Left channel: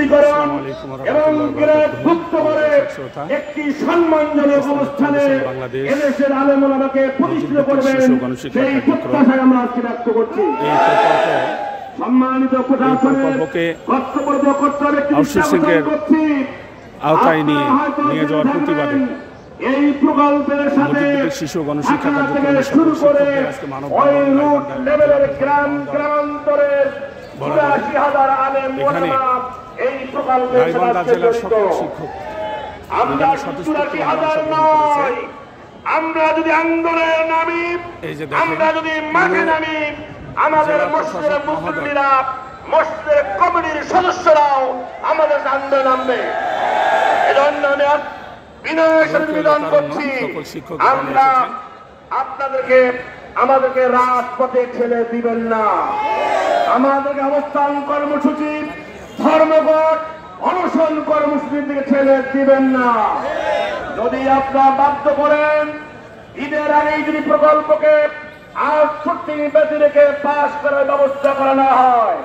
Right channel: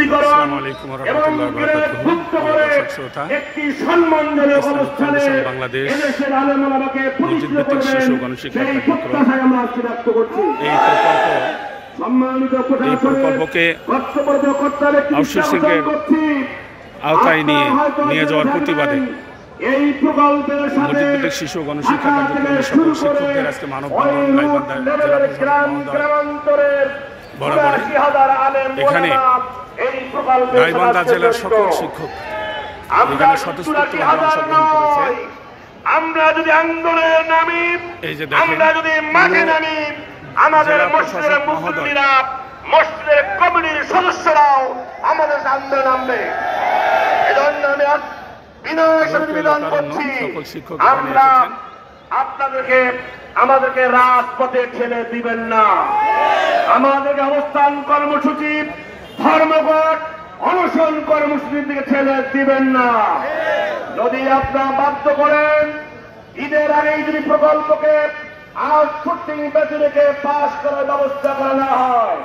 বিশুদ্ধীকরণ এবং একটি সম্মানজনক অবস্থানে এদেশের আলেম ওলামাকে প্রতিষ্ঠিত করবেন সেই প্রত্যাশায় আমরা আজকে ব্যক্ত করছি। সম্মানিত প্রকল্পকে আউটসোর্সিংয়ের আওতায় নিয়ে যাওয়ার প্রতিবাদে এই প্রকল্পের সাথে মসজিদভিত্তিক শিশু গণশিক্ষা কার্যক্রমের সকল শিক্ষকদের আজকে মানববন্ধন গাইবান্ধা জেলা প্রশাসক বরাবরে এখানে গাইবান্ধা জেলার সকল শিক্ষক এখানে স্বতঃস্ফূর্তভাবে অংশগ্রহণ করেছে। আমরা যদি আন্দোলনে নামি, এই যে দেখেন, আমরা যদি মাঠে নামি, আমাদের মসজিদের মুসল্লিরা, মসজিদের কমিটির সদস্যরাও আমাদের আন্দোলনে নামবে। এজন্য সকল শিক্ষক এখানে এসেছেন। আমাদেরকে রাজপথে ঠেলে দিবেন না। আমাদেরকে অবস্থান কর্মসূচি, ধর্মঘট, অনশন কর্মসূচির দিকে ঠেলে দিবেন না। যদি আপনারা বাধ্য করেন ঈদের আগেই যদি প্রকল্পকে আউটসোর্সিং ব্যতি রেখে পাশ করার ব্যবস্থা করা না হয়,